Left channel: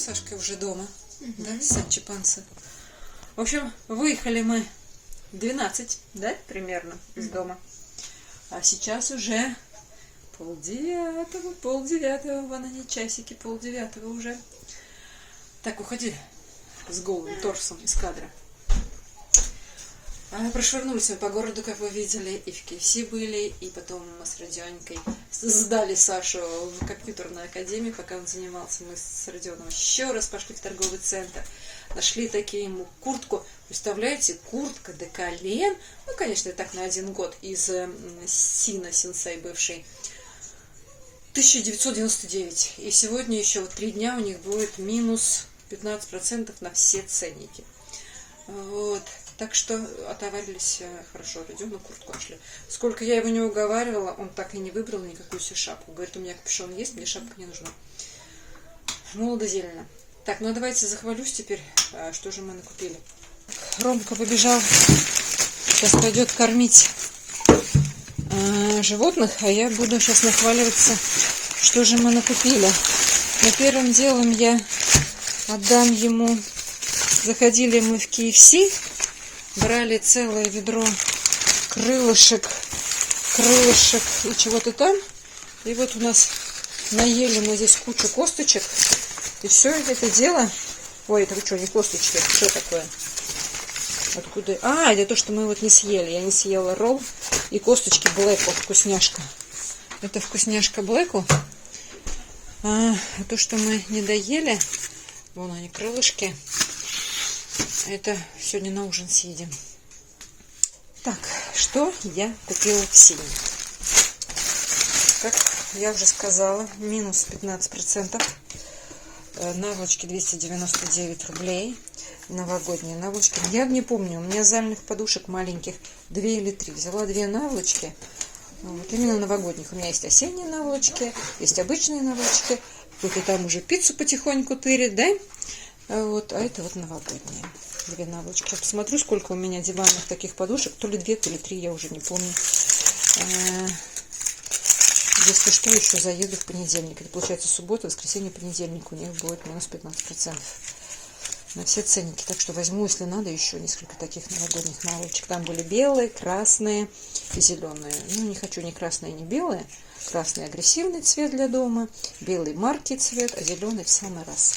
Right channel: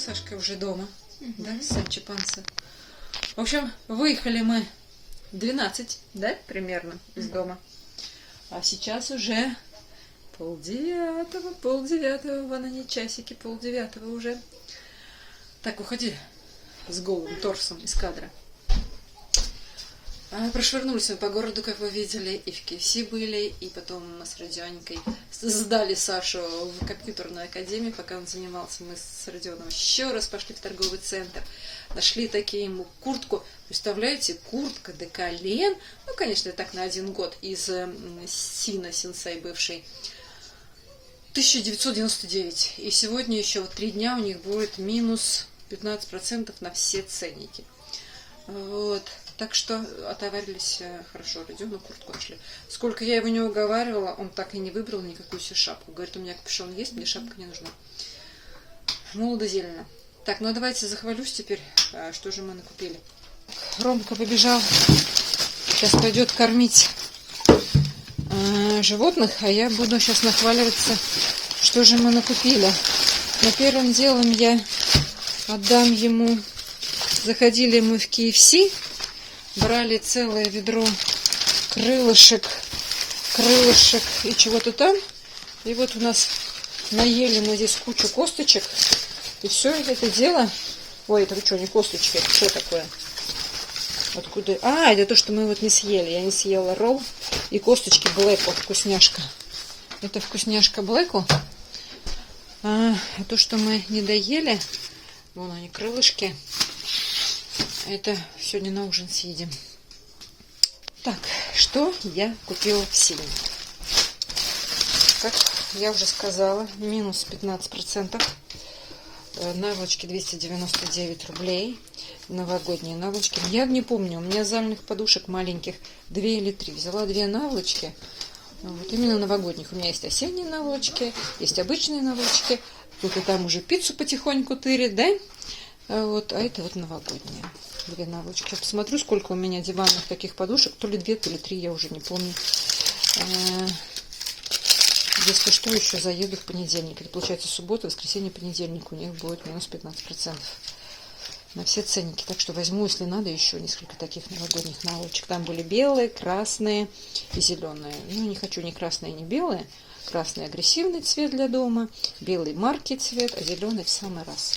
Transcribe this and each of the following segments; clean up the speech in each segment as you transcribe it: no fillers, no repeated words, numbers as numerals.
Сашка уже дома, да, Санчо Панса. В общем, выехали мы 12, да, примерно, из дома. А сейчас уже полдевятого, вон они, часики, 8:30 уже. Так, уходи с голым торсом из кадра. Прошвырнулись мы по городу, как вы видели, и в КФС были, и потом мы с Родионикой сдали Сашу в компьютерную академию, пока он занимался. Мы с Родионом еще раз пошли в торговый центр, нашли такие ему куртку. Представляете, куртка до колен, ну, конечно, так на 1 год, из сенсей бывший, 1999. И сегодня еще 3 дня у них будет минус 15% на все ценники. Вот. Так что отоварились хорошо. Родиону куртку нашли. Сколько я его не уговаривала, он так и не выбрал никакую себе шапку. Говорит, у меня капюшон есть, мне шапка не нужна. Молодо-зелено. Так, ну давайте захвалюсь теперь, что же мы накупили. Ромка побежал. Сейчас пойдет кормить животных, а я буду сейчас нахваливаться, что же мы накупили. Но первым делом я отдам ему. Заходили мы в КФС, брали целое ведро крылышек и чего-то там. И вот у нас наели мы здесь кучу косточек. И все это дело... Ой, это что, не косточки, это что такое? Откуда? А, это то, что мы вот не съели. Я не съела ролл и косточки блэку, вкусняшка. Это вкусняшка блэку. А то, что мы не доели, вон они, крылышки. Это сегодня на ужин съедим. Так, что я купила в Сине? Как я уже сказала, минус 15%. Наволочки 299 рублей. Новогодние наволочки. Я не помню, у меня зальных подушек маленьких 2 или 3. Взяла 2 наволочки. Вот, именно новогодних. У меня есть осенние наволочки, есть обычные наволочки. Кто-то там уже пиццу потихоньку тырит, да? Вот, а это вот новогодние. 2 наволочки. Сейчас посмотрю, сколько у меня диванных таких подушек. То ли 2, то ли 3, я уже не помню. Если что, еще заеду в понедельник. Это получается суббота, воскресенье, понедельник. У них будет минус 15% на все ценники. Так что возьму, если надо, еще несколько таких новогодних наволочек. Там были белые, красные и зеленые. Ну, не хочу ни красные, ни белые. Красный агрессивный цвет для дома, белый марки цвет, а зеленый в самый раз.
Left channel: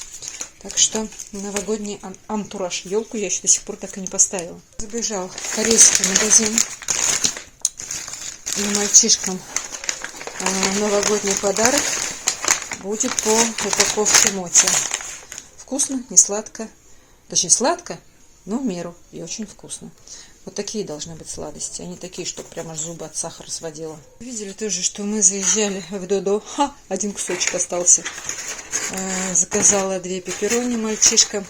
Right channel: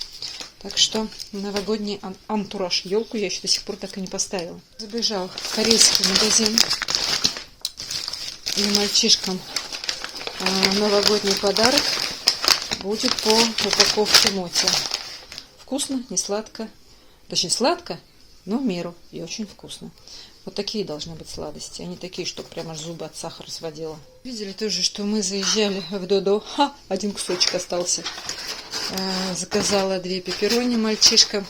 Так что новогодний антураж. Елку я еще до сих пор так и не поставила. Забежал в корейский магазин. И мальчишкам новогодний подарок будет по упаковке моти. Вкусно, не сладко. Точнее, сладко, но в меру. И очень вкусно. Вот такие должны быть сладости. Они такие, что прямо аж зубы от сахара сводило. Видели тоже, что мы заезжали в Додо. 1 кусочек остался. Заказала 2 пепперони мальчишкам.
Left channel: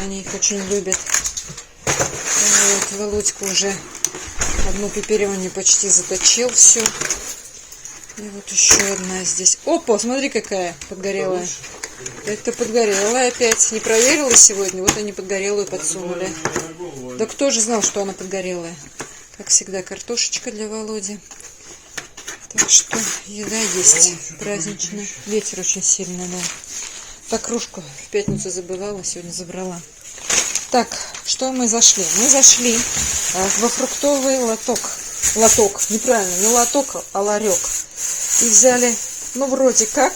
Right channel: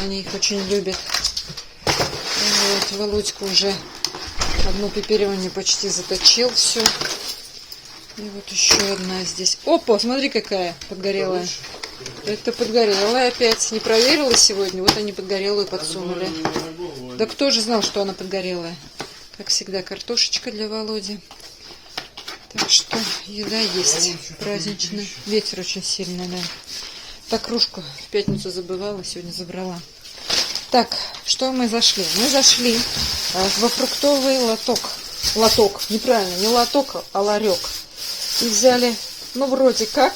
Они их очень любят. Вот, Володька уже 1 пепперони почти заточил все. И вот еще одна здесь. Опа, смотри, какая подгорелая. Это подгорелая опять. Не проверила сегодня. Вот они подгорелую подсунули. Да кто же знал, что она подгорелая? Как всегда, картошечка для Володи. Так что еда есть праздничная. Ветер очень сильный, да. Так, кружку в пятницу забывала, сегодня забрала. Так, что мы зашли? Мы зашли во фруктовый лоток. Лоток, неправильно, не лоток, а ларек. И взяли, ну, вроде как,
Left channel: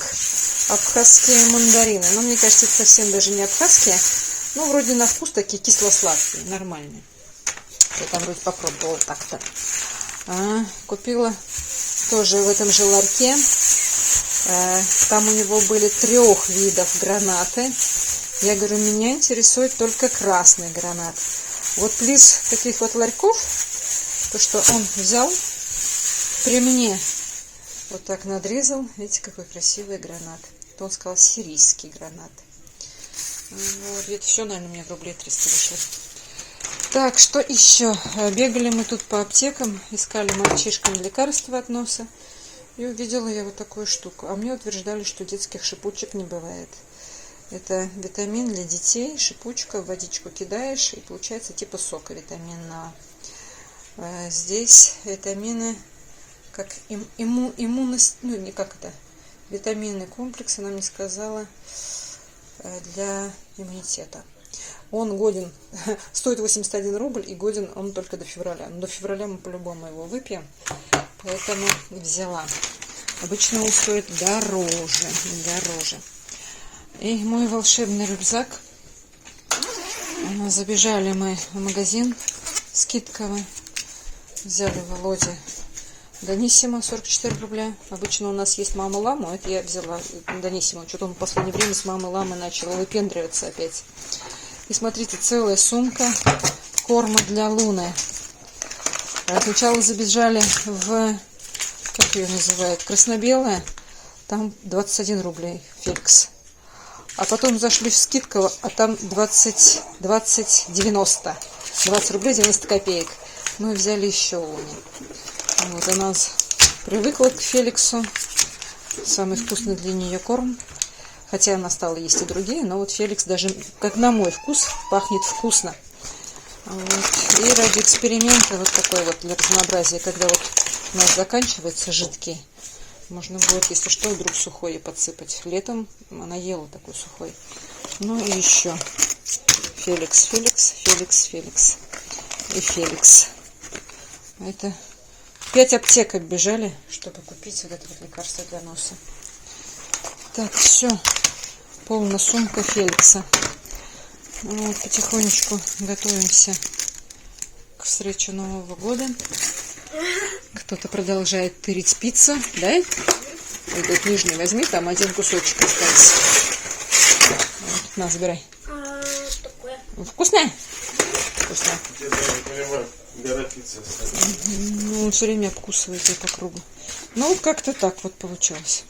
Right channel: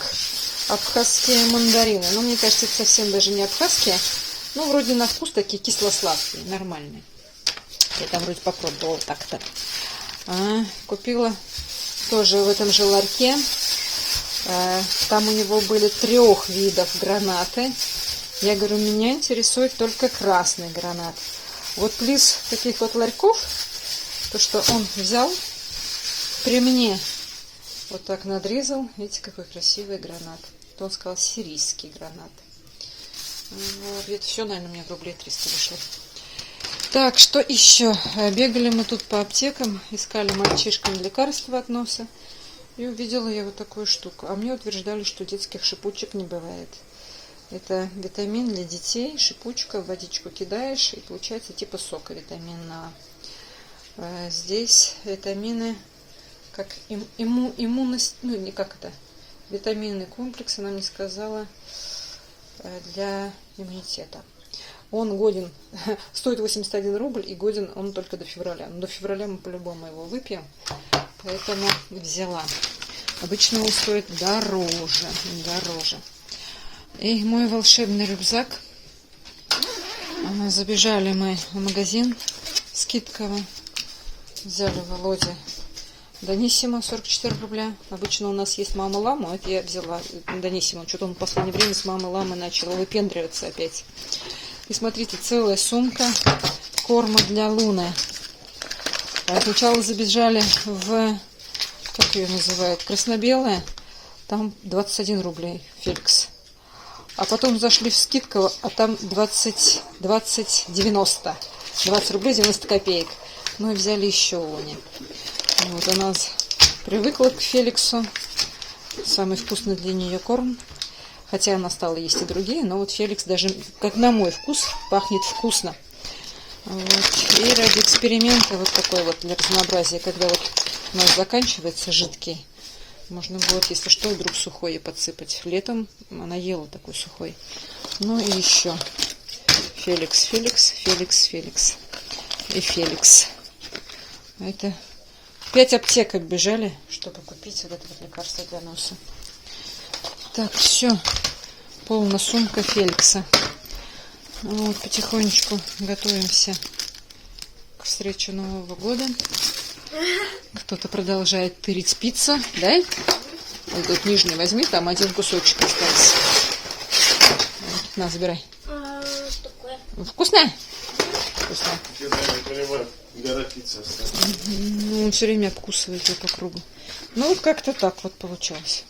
абхазские мандарины. Но мне кажется, это совсем даже не абхазские. Ну, вроде на вкус такие кисло-сладкие, нормальные. Я там вроде попробовала так-то. Купила тоже в этом же ларьке. Там у него были 3 видов гранаты. Я говорю, меня интересует только красный гранат. Вот плиз таких вот ларьков, то, что он взял при мне, вот так надрезал. Видите, какой красивый гранат. То он сказал, сирийский гранат. Вот, это все, наверное, у меня в рублей 300 вышло. Так, что еще? Бегали мы тут по аптекам, искали мальчишкам лекарства от носа. И увидела я вот такую штуку. А мне утверждали, что детских шипучек не бывает. Это витамин для детей. Шипучка, в водичку кидаешь, и получается типа сока витаминного. Здесь витамины, как иммунность, ну не как это, витаминный комплекс, она мне сказала, для иммунитета. Он годен, стоит 81 рубль, и годен он только до февраля. Но до февраля мы по-любому его выпьем, поэтому взяла. Обычно он стоит дороже. И мой волшебный рюкзак. Забежали мы в магазин скидковый. Взяли Володе Даниссимо 44 рубля. Обычно у нас есть мама лама, это я взяла Даниссимо. Что-то он в последнее время с мамой ламы начал выпендриваться опять. И смотрите, целая сумка корма для Луны. Сначала забежали в, как ее называют, красно-белая. Там 21 рублей Феликс. А потом зашли в скидку, а там 20 рублей 90 копеек. Ну и взяли еще Луне. Вот она привыкла к Феликсу. Самый вкусный для нее корм. Хотя она стала есть и другие, но вот Феликс даже, как на мой вкус, пахнет вкусно. Вот. И ради эксперимента вот такой вот для разнообразия, когда вот у нас заканчивается жидкий, можно будет, если что, вдруг сухой подсыпать. Летом она ела такой сухой. Ну и еще Феликс. И Феликс. Это 5 аптек оббежали, чтобы купить вот это вот лекарство для носа. Так, все. Полная сумка Феликса. Вот, потихонечку готовимся к встрече Нового года. Кто-то продолжает тырить пиццу, да? Вот тут нижний возьми, там один кусочек остался. Вот, на, забирай. Такое. Вкусная? Вкусная. Ну, он все время обкусывает ее по кругу. Ну, вот как-то так вот получилось.